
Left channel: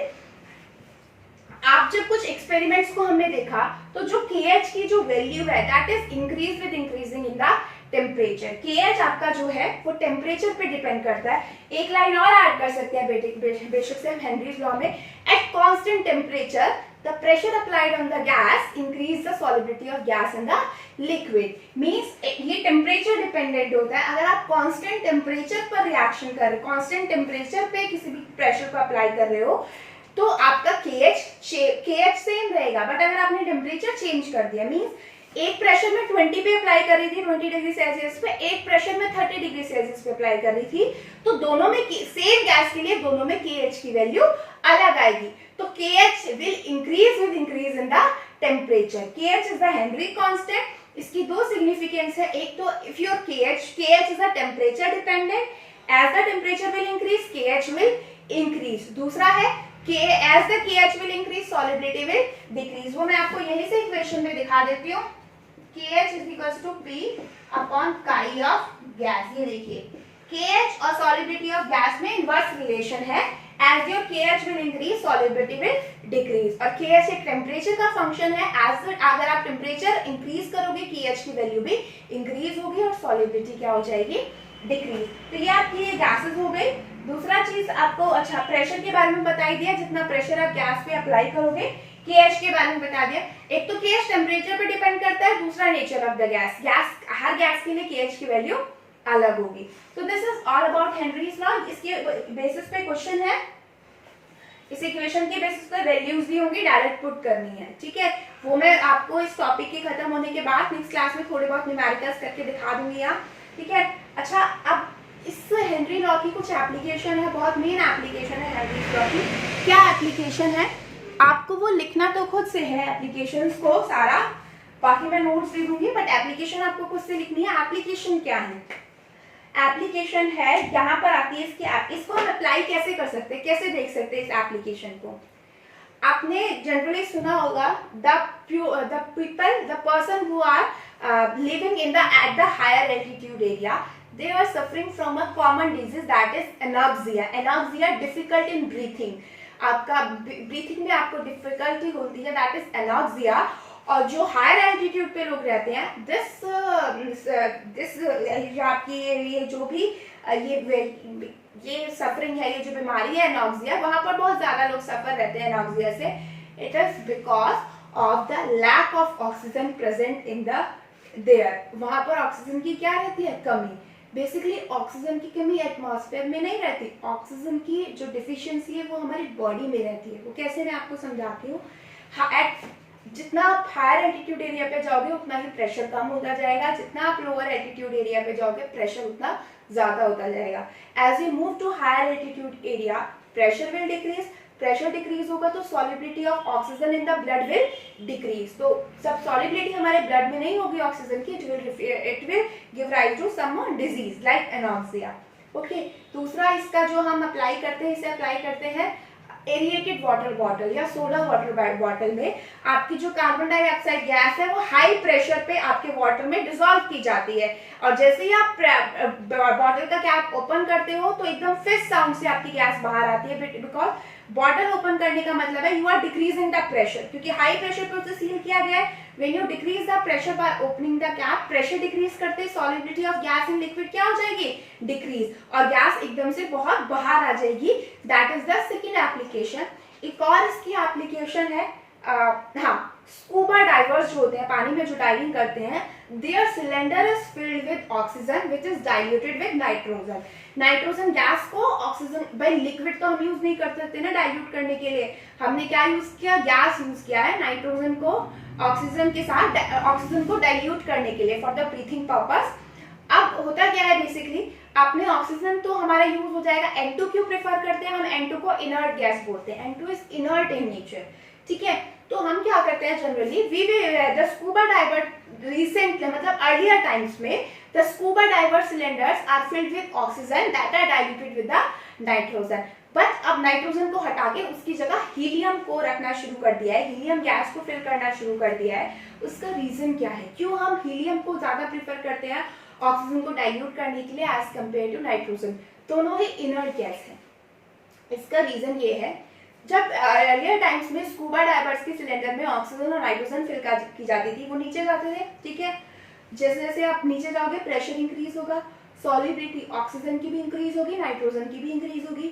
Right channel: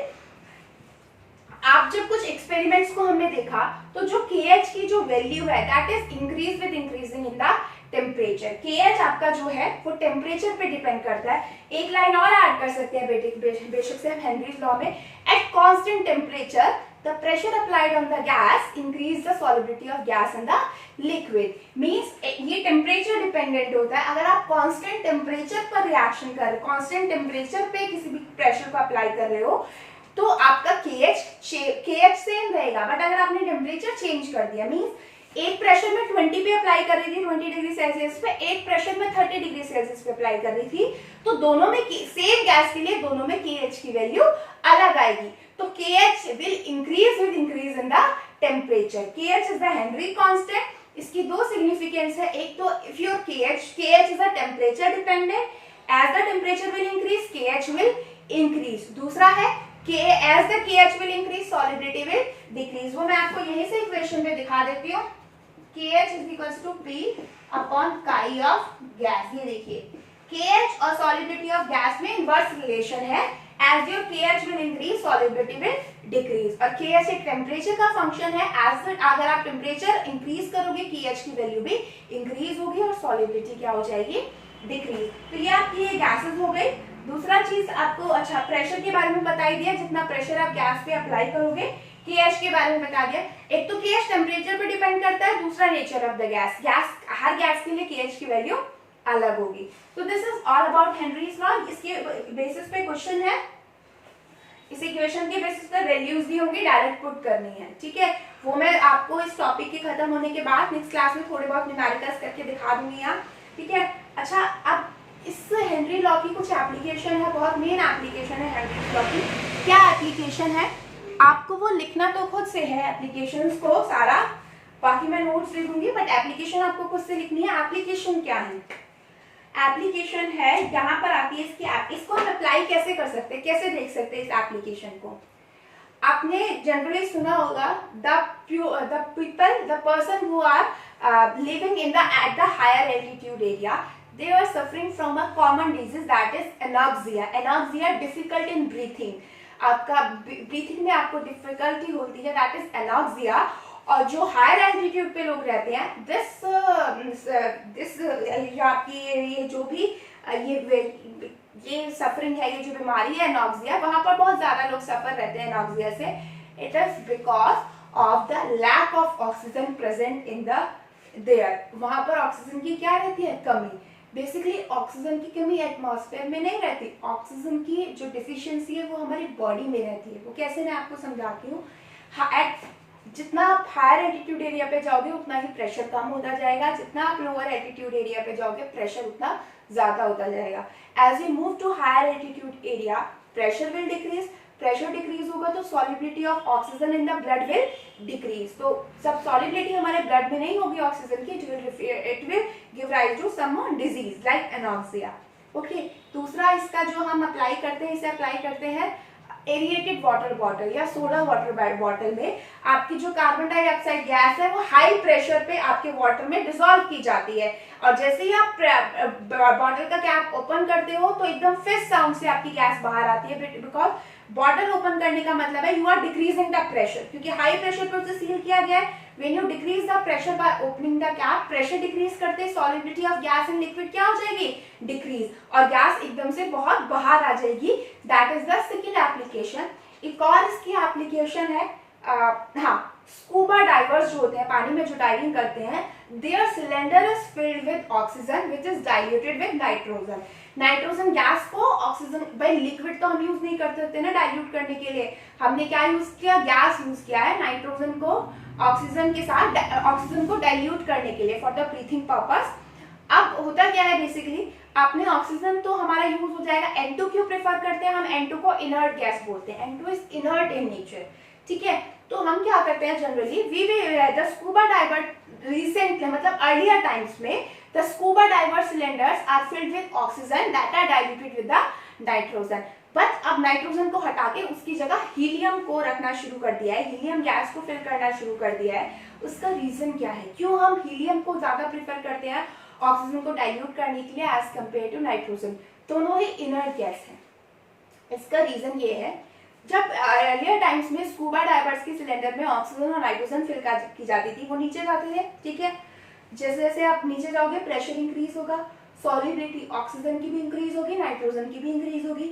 आप जब कुछ एक्सपेरिमेंट्स को हमने देखा तो जो KH की जो वैल्यू है that is increase with increasing in the temperature. KH आपका जो है वो टेम्परेचर पे डिपेंड करता है। एक लाइन और ऐड कर सकते हैं बेशक से हम हेनरीज लॉ में। At constant temperature the pressure applied on the gas increase the solubility of gas in the liquid। means ये टेम्परेचर डिपेंडेंट होता है। अगर आप कांस्टेंट टेम्परेचर पर रिएक्शन कर रहे हो, कांस्टेंट टेम्परेचर पे किसी भी प्रेशर को अप्लाई कर रहे हो तो आपका KH सेम रहेगा। बट अगर आपने टेम्परेचर चेंज कर दिया, मींस एक प्रेशर में 20 पे अप्लाई कर रही थी 20 डिग्री सेल्सियस पे, एक प्रेशर में 30 डिग्री सेल्सियस पे अप्लाई कर रही थी, तो दोनों में सेम गैस के लिए दोनों में KH की वैल्यू अलग आएगी। तो KH will increase with increase in the temperature। KH is the Henry constant। इसकी दो सिग्निफिकेंस है। एक तो if your KH is a temperature dependent, as the temperature will increase KH will increase। दूसरा है as the KH will increase solubility will decrease। वो मैं आपको यहीं से इक्वेशन में दिखा देती हूँ। KH is equals to P upon chi of gas। ये देखिए KH और solubility of gas में इनवर्स रिलेशन है। As your KH will increase, solubility will decrease। और KH एक टेम्परेचर का फंक्शन है। अगर आप टेम्परेचर इंक्रीज करोगे KH की वैल्यू भी इंक्रीज होगी और solubility क्या हो जाएगी? डिक्रीज। तो ये आपकी ये गैसेस हो गई। दूसरा चीज आपको, अच्छा प्रेशर के बारे में बता ही दिया, जितना प्रेशर आप गैस पे अप्लाई करोगे। KH के बारे में बता दिया। एक तो KH टेम्परेचर पे डिपेंड करता है, दूसरा nature of the gas. Her gas के लिए KH की वैल्यू अलग होगी। तो this is all about Henry's law. इसके बेसिस पे क्वेश्चन है इस इक्वेशन के बेसिस पर वैल्यूज भी होंगी, डायरेक्ट पुट करनी है, ठीक है। वो मैं आपको इस टॉपिक के खत्म होने के बाद नेक्स्ट क्लास में थोड़े बहुत न्यूमेरिकल्स करके दिखा दूंगी यहाँ, ठीक है। अच्छा, अब इस हेनरी लॉ की कुछ एप्लीकेशन है, बहुत मेन एप्लीकेशन है हेनरी लॉ की। क्या एप्लीकेशन है, आपको वो लिखना तो खुद से है एप्लीकेशंस को सारा, बाकी मैं नोट्स दे दूंगी, बट एप्लीकेशन आपको खुद से लिखनी है। एप्लीकेशन क्या है, एप्लीकेशन है यहाँ पर आती है इसकी इसको हम अप्लाई कैसे कर सकते हैं, कैसे देख सकते हैं इस एप्लीकेशन को। आपने जनरली सुना होगा the person who are living in at the higher altitude area, they are suffering from a common disease that is anoxia. Anoxia, difficult in breathing. आपका ब्रीथिंग में आपको डिफिकल्टी होती है, दैट इज एनॉक्सिया। और जो higher altitude पे लोग रहते हैं, दिस आपकी ये जो भी ये सफरिंग है, ये जो बीमारी है एनॉक्सिया, वहां पर बहुत ज्यादा लोग सफर रहते हैं एनॉक्सिया से। It is because of the lack of oxygen present in the there. वहां पर ऑक्सीजन की क्या रहती है, कमी। बेसिकली ऑक्सीजन की कमी एटमॉस्फेयर में नहीं रहती, ऑक्सीजन की जो डिफिशियंसी है वो हमारी बॉडी में रहती है। वो कैसे, मैं आपको समझाती हूँ। जितना आप हायर एल्टीट्यूड एरिया पे जाओगे उतना ही प्रेशर कम होता जाएगा, जितना आप लोअर एल्टीट्यूड एरिया पे जाओगे प्रेशर उतना ज्यादा होता जाएगा। As you move to higher altitude area, pressure will decrease, pressure decrease होगा तो solubility of oxygen in the blood will decrease. तो सब सॉलिबिलिटी हमारे ब्लड में नहीं होगी ऑक्सीजन की, it will give rise to some disease like anoxia. Okay, दूसरा इसका जो हम अप्लाई करते हैं, इसे अप्लाई करते हैं एरिएटेड वाटर बॉटल या सोडा वाटर बॉटल में। आपकी जो कार्बन डाइऑक्साइड गैस है वो हाई प्रेशर पे आपके वाटर में डिसॉल्व की जाती है, और जैसे ही आप बॉटल का कैप ओपन करते हो तो एकदम फिस्ट साउंड से आपकी गैस बाहर आती है, बिकॉज बॉटल ओपन करने का मतलब है you are decreasing the pressure, क्योंकि हाई प्रेशर पे उसे सील किया गया है। When you decrease the pressure by opening the cap, pressure decrease करते solubility of gas in liquid क्या हो जाएगी, डिक्रीज, और गैस एकदम से बहुत बाहर आ जाएगी। That is the second application. एक और इसकी एप्लीकेशन है, हाँ, स्कूबा डाइवर्स जो होते हैं, पानी में जो डाइविंग करते हैं, their cylinder is filled with oxygen which is diluted with nitrogen. Nitrogen gas को ऑक्सीजन, भाई लिक्विड तो हम यूज नहीं कर सकते ना डाइल्यूट करने के लिए, हमने क्या यूज किया, गैस यूज किया है नाइट्रोजन को ऑक्सीजन के साथ, ऑक्सीजन को डाइल्यूट करने के लिए फॉर द ब्रीथिंग पर्पस। अब होता क्या है, बेसिकली आपने ऑक्सीजन तो हमारा यूज हो जाएगा, N2 क्यों प्रेफर करते हैं हम, N2 को इनर्ट गैस बोलते हैं, N2 is inert in nature, ठीक है। तो हम क्या करते हैं generally, the scuba diver recently, मतलब अर्लियर टाइम्स में, the scuba diver cylinders are filled with oxygen that are diluted with the nitrogen. But अब नाइट्रोजन को हटा के उसकी जगह हीलियम को रखना शुरू कर दिया है, हीलियम गैस को फिल करना शुरू कर दिया है। उसका रीजन क्या है, क्यों हम हीलियम को ज्यादा प्रेफर करते हैं ऑक्सीजन को डाइल्यूट करने के लिए एज कंपेयर टू नाइट्रोजन, दोनों ही इनर्ट गैस है। इसका रीजन ये है, जब अर्लियर टाइम्स में स्कूबा डाइवर्स के सिलेंडर में ऑक्सीजन और नाइट्रोजन फिल की जाती थी, वो नीचे जाते थे, ठीक है। जैसे जैसे आप नीचे जाओगे प्रेशर इंक्रीज होगा, सॉलिबिलिटी ऑक्सीजन की भी इंक्रीज होगी, नाइट्रोजन की भी इंक्रीज होगी।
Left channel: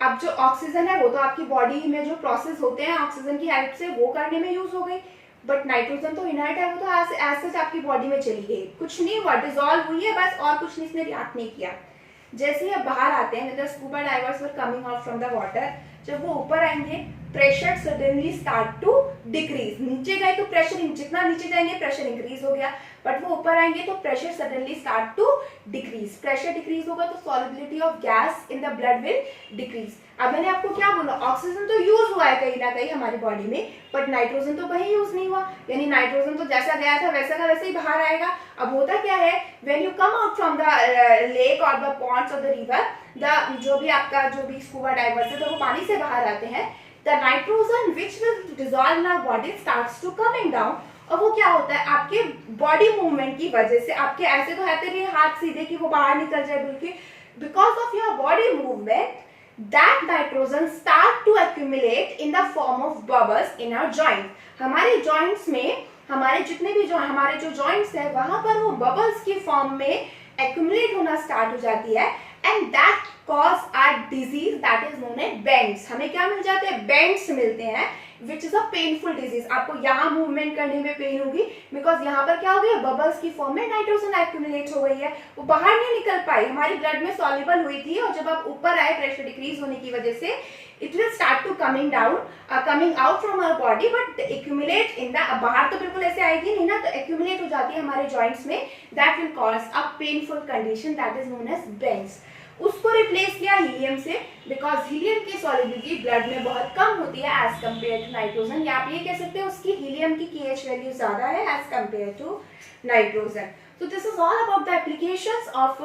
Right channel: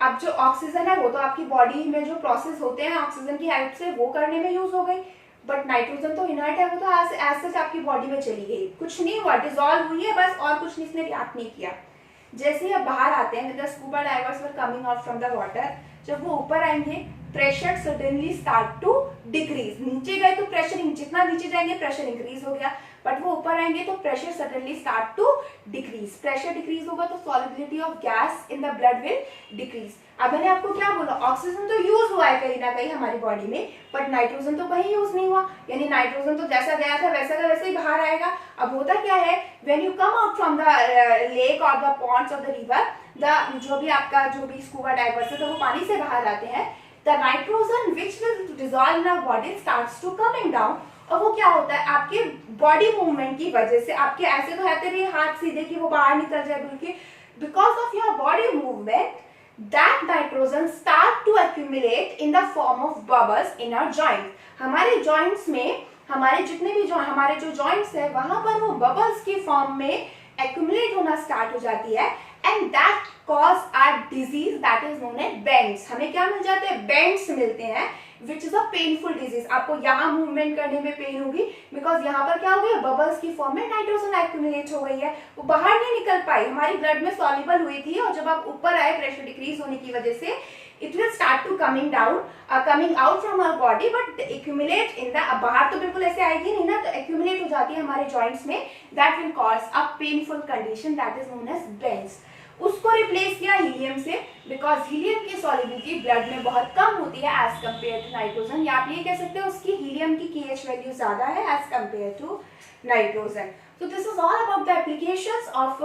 अब जो ऑक्सीजन है वो तो आपकी बॉडी में जो प्रोसेस होते हैं ऑक्सीजन की हेल्प से वो करने में यूज हो गई, बट नाइट्रोजन तो इनर्ट है, वो तो एज सच आपकी बॉडी में चली गई, कुछ नहीं हुआ, डिसॉल्व हुई है बस, और कुछ नहीं, इसने रिएक्ट नहीं किया। जैसे ही अब बाहर आते हैं, the scuba divers were coming out from the water, जब वो ऊपर आएंगे pressure suddenly start to decrease. नीचे गए तो प्रेशर, जितना नीचे जाएंगे प्रेशर इंक्रीज हो गया, बट वो ऊपर आएंगे तो pressure suddenly start to decrease. Pressure decrease होगा तो solubility of gas in the blood will decrease. अब मैंने आपको क्या बोला, ऑक्सीजन तो यूज हुआ है कहीं ना कहीं हमारी बॉडी में, बट नाइट्रोजन तो कहीं यूज नहीं हुआ, यानी नाइट्रोजन तो जैसा गया था वैसा का वैसे ही बाहर आएगा। अब होता क्या है, when you come out from the lake और the ponds of the river, जो भी आपका जो भी स्कूबा डाइवर्स है तो वो पानी से बाहर आते हैं, the nitrogen which will dissolve in our body starts to coming down. और वो क्या होता है, आपके बॉडी मूवमेंट की वजह से, आपके ऐसे तो रहते नहीं हाथ सीधे कि वो बाहर निकल जाए बिल्कुल, because of your body movement that nitrogen start to accumulate in the form of bubbles in our joints। हमारे joints में, हमारे जितने भी हमारे जो joints है वहां पर वो bubbles की फॉर्म में accumulate होना स्टार्ट हो जाती है। And that cause are disease that is known as bends. हमें क्या मिल जाते हैं? बेंड्स मिलते हैं which is a painful disease. आपको यहाँ मूवमेंट करने में पेन होगी बिकॉज यहाँ पर क्या हो गई, बबल्स की फॉर्म में नाइट्रोजन एक्यूमुलेट हो गई है, वो बाहर नहीं निकल पाई, हमारी ब्लड में सॉल्युबल हुई थी, और जब आप ऊपर आए प्रेशर डिक्रीज होने की वजह से it will start to coming out from our body but accumulate in the, बाहर तो बिल्कुल ऐसे आएगी नहीं ना, तो accumulate हो जाती है हमारे joints में, that will cause a painful condition that is known as bends। उसको रिप्लेस किया हीलियम से बिकॉज हीलियम की सॉलिबिलिटी ब्लड में बहुत कम होती है एज कम्पेयर टू नाइट्रोजन, या आप ये कह सकते हो उसकी हीलियम की KH वैल्यू ज्यादा है as compare to nitrogen. So this is all about the applications of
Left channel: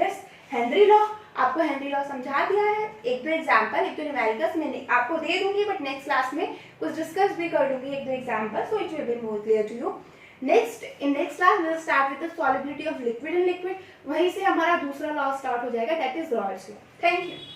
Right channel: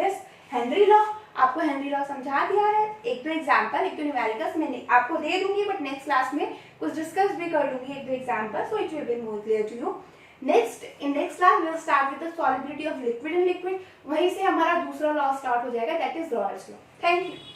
this Henry law। आपको हेनरी लॉ समझा दिया है, एक दो एग्जांपल, एक दो न्यूमेरिकल्स मैंने आपको दे दूंगी, बट नेक्स्ट क्लास में कुछ डिस्कस भी कर दूंगी, एक दो example, so it will be more clear to you. In next class we will start with the solubility of liquid in liquid, वहीं से हमारा दूसरा लॉ स्टार्ट हो जाएगा, that is Raoult's law. Thank you.